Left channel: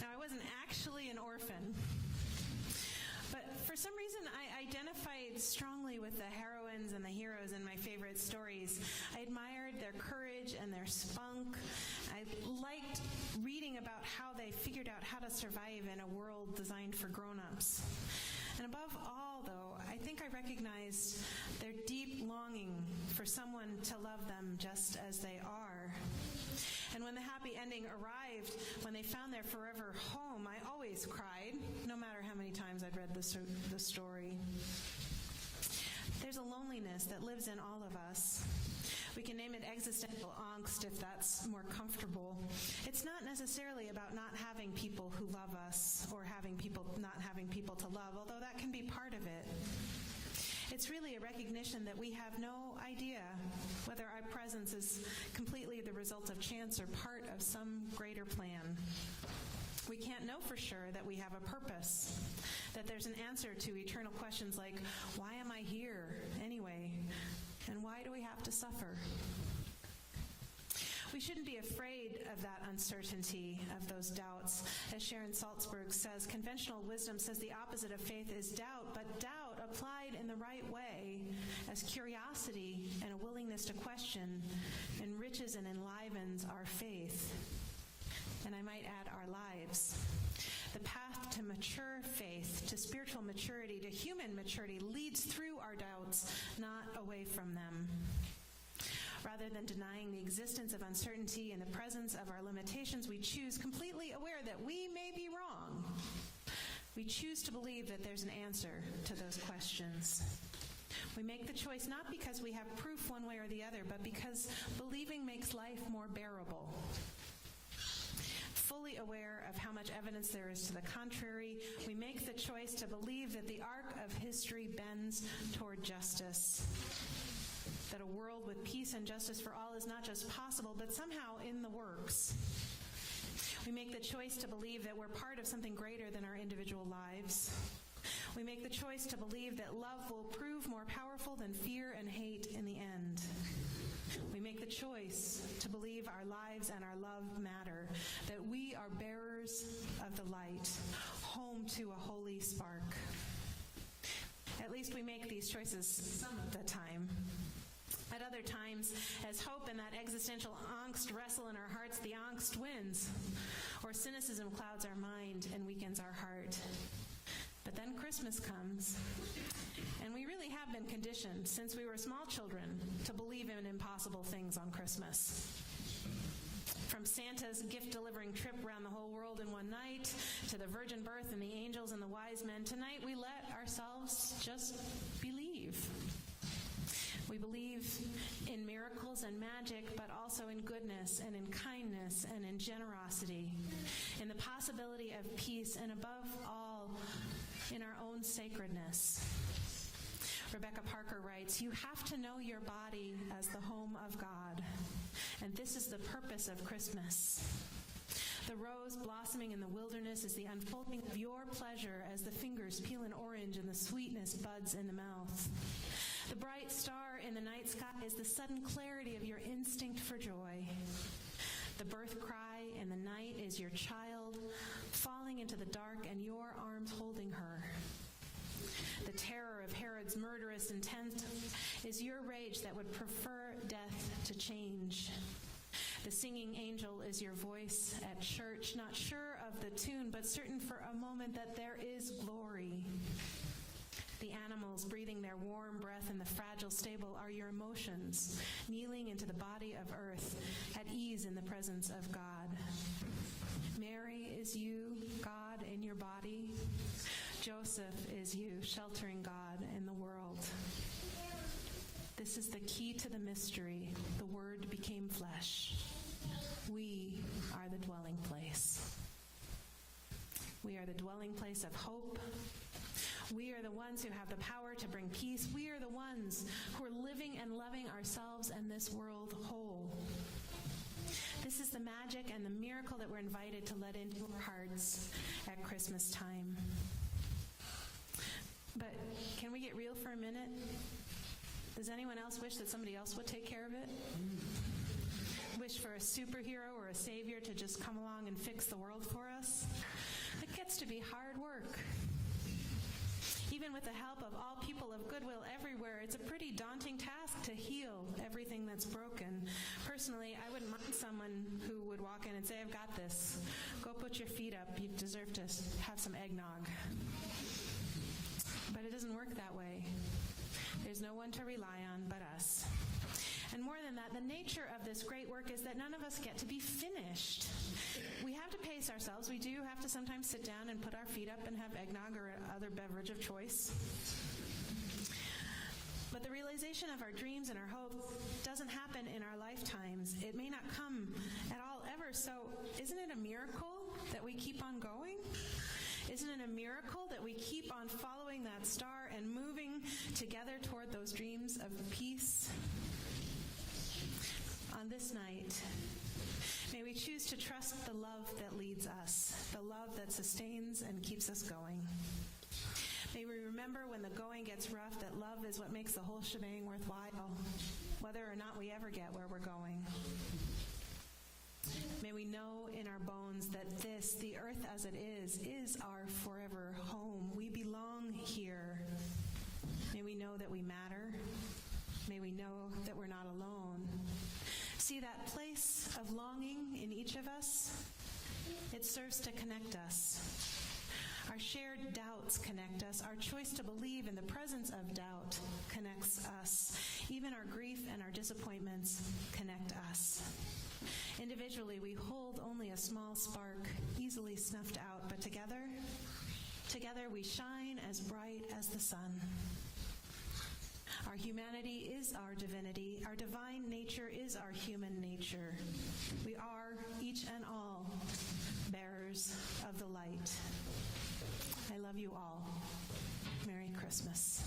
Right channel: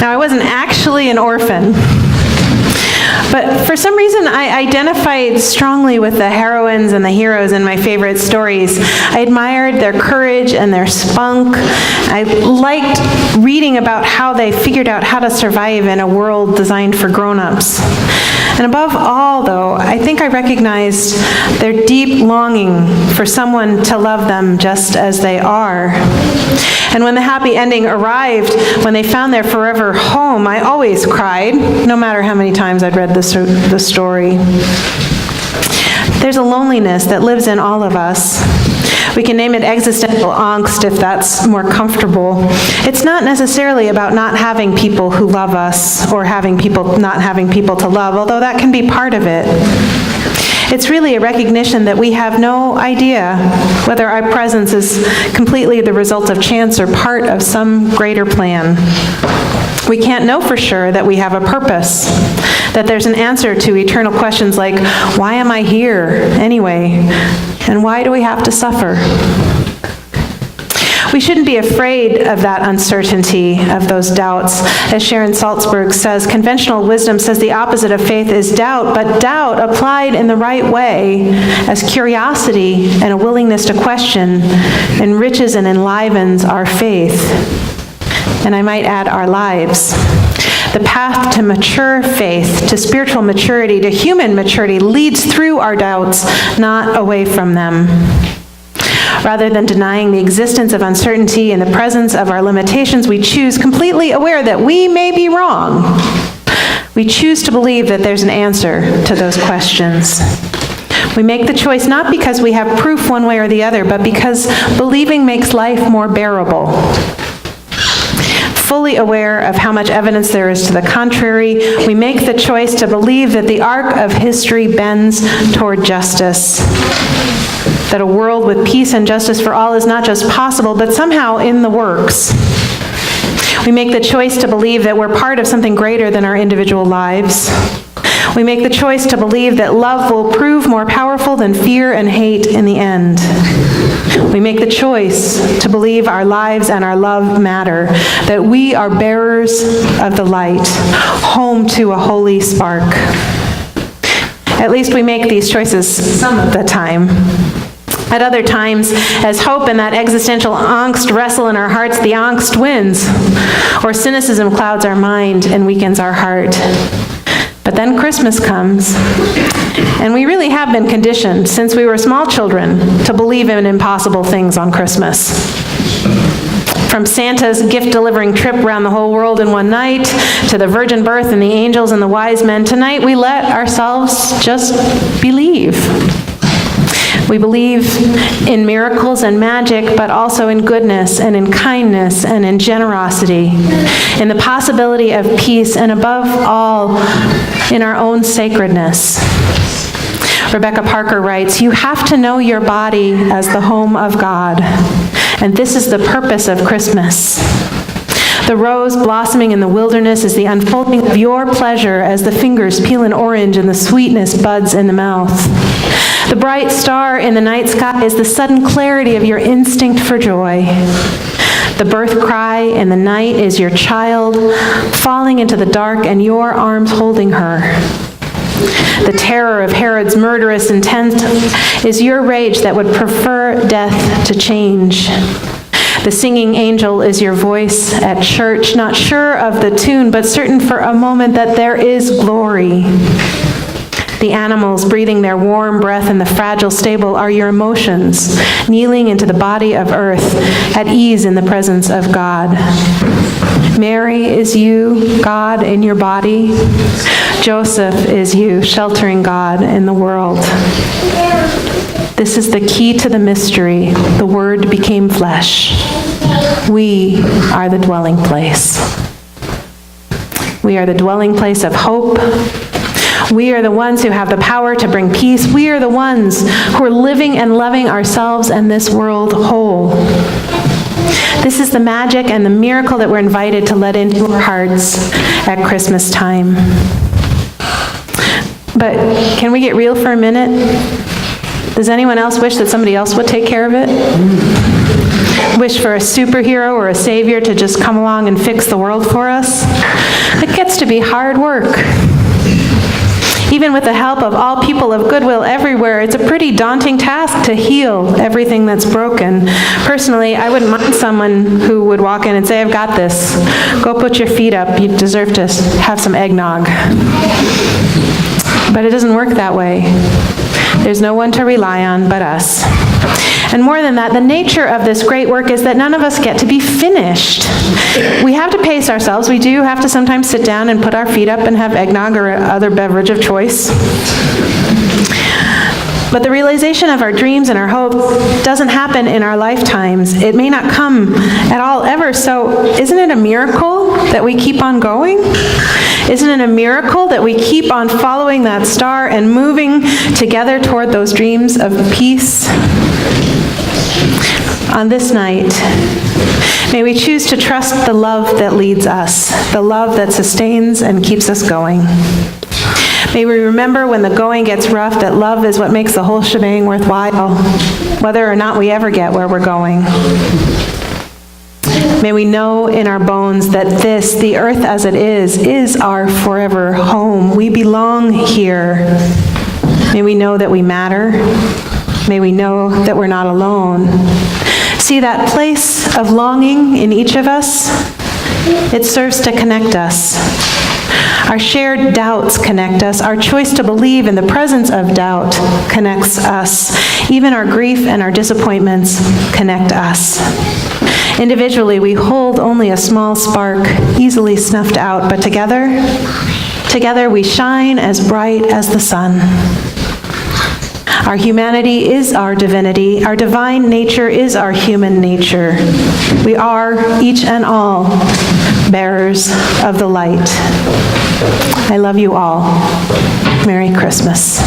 Now, I wasn't actually an orphan, but for some reason, I identified strongly with the heroines and the heroes in my favorite stories. I admired their courage and their spunk. I liked reading about how they figured out how to survive in a world designed for grown-ups. And above all, though, I think I recognized their deep longing for someone to love them just as they are. And when the happy ending arrived, when they found their forever home, I always cried, no matter how many times I'd read the story. There's a loneliness that lives in all of us. We can name it existential angst if that's more comfortable. It's not necessarily about not having people who love us or not having people to love, although that can be part of it. It's really a recognition that we have no idea whether our presence is completely the result of chance or part of some greater plan. We can't know for sure that we have a purpose, that there's an answer to eternal questions like, why am I here anyway? And why do we have to suffer? We shouldn't be afraid of that uncertainty, of those doubts. As Sharon Salzberg says, conventional wisdom says the opposite of faith is doubt, but doubt applied in the right way as curiosity and a willingness to question enriches and enlivens our faith. And I might add, our lives. The path to mature faith, to spiritual maturity, to human maturity leads through our doubts, not away from them. Rather than denying the existence of uncertainty in the presence of our limitations, we choose, completely aware that we may be wrong. We choose to believe that there's an answer to those questions. We make the choice not because we have proof one way or the other, but because believing makes life more bearable. Fully aware of how much evidence there is to the contrary, we make the choice to believe that the arc of history bends toward justice, that a world with peace and justice for all is not just possible, but somehow in the works. We make the choice to believe that we're part of something greater than our individual lives. We make the choice to believe that love will prove more powerful than fear and hate in the end. We make the choice to believe our lives and our love matter, that we are bearers of the light, home to a holy spark. At least we make these choices some of the time. At other times, as hope and that existential angst wrestle in our hearts, the angst wins, or cynicism clouds our mind and weakens our heart. But then Christmas comes, and we really have been conditioned since we were small children to believe in impossible things on Christmas. From Santa's gift-delivering trip around the whole world in one night, to the virgin birth and the angels and the wise men, tonight we let ourselves just believe. We believe in miracles and magic, but also in goodness and in kindness and in generosity, in the possibility of peace, and above all, in our own sacredness. Rebecca Parker writes, "You have to know your body as the home of God, and this is the purpose of Christmas. The rose blossoming in the wilderness is the unfolding of your pleasure as the fingers peel an orange and the sweetness buds in the mouth. The bright star in the night sky is the sudden clarity of your instinct for joy. The birth cry in the night is your child falling into the dark and your arms holding her. The terror of Herod's murderous intent is your rage that would prefer death to change. The singing angel is your voice at church, not sure of the tune, but certain for a moment that there is glory. The animals breathing their warm breath in the fragile stable are your emotions, kneeling into the body of earth, at ease in the presence of God. Mary is you, God in your body. Joseph is you, sheltering God in the world. This is the key to the mystery. The Word became flesh. We are the dwelling place. We are the dwelling place of hope. We are the ones who have the power to bring peace. We are the ones who are living and loving ourselves and this world whole. This is the magic and the miracle that we're invited to let into our hearts at Christmas time. But can we get real for a minute? Does anyone else wish that somebody else would take care of it? Wish for a superhero or a savior to just come along and fix the world for us? It gets to be hard work. Even with the help of all people of goodwill everywhere, it's a pretty daunting task to heal everything that's broken. Personally, I wouldn't mind someone who would walk in and say, I've got this. Go put your feet up. You deserve to have some eggnog. But it doesn't work that way. There's no one to rely on but us. And more than that, the nature of this great work is that none of us get to be finished. We have to pace ourselves. We do have to sometimes sit down and put our feet up and have eggnog or other beverage of choice. But the realization of our dreams and our hope doesn't happen in our lifetimes. It may not come at all ever. So isn't it a miracle that we keep on going? Isn't it a miracle that we keep on following that star and moving together toward those dreams of peace? On this night, may we choose to trust the love that leads us, the love that sustains and keeps us going. May we remember when the going gets rough that love is what makes the whole shebang worthwhile, whether or not we ever get where we're going. May we know in our bones that this, the earth as it is our forever home. We belong here. May we know that we matter. May we know that we're not alone. See that place of longing in each of us? It serves to connect us. Our shared doubts connect us. Our choice to believe in the presence of doubt connects us. Even our grief and our disappointments connect us. Individually, we hold only a small spark, easily snuffed out, but together we shine as bright as the sun. Our humanity is our divinity. Our divine nature is our human nature. We are, each and all, bearers of the light. I love you all. Merry Christmas.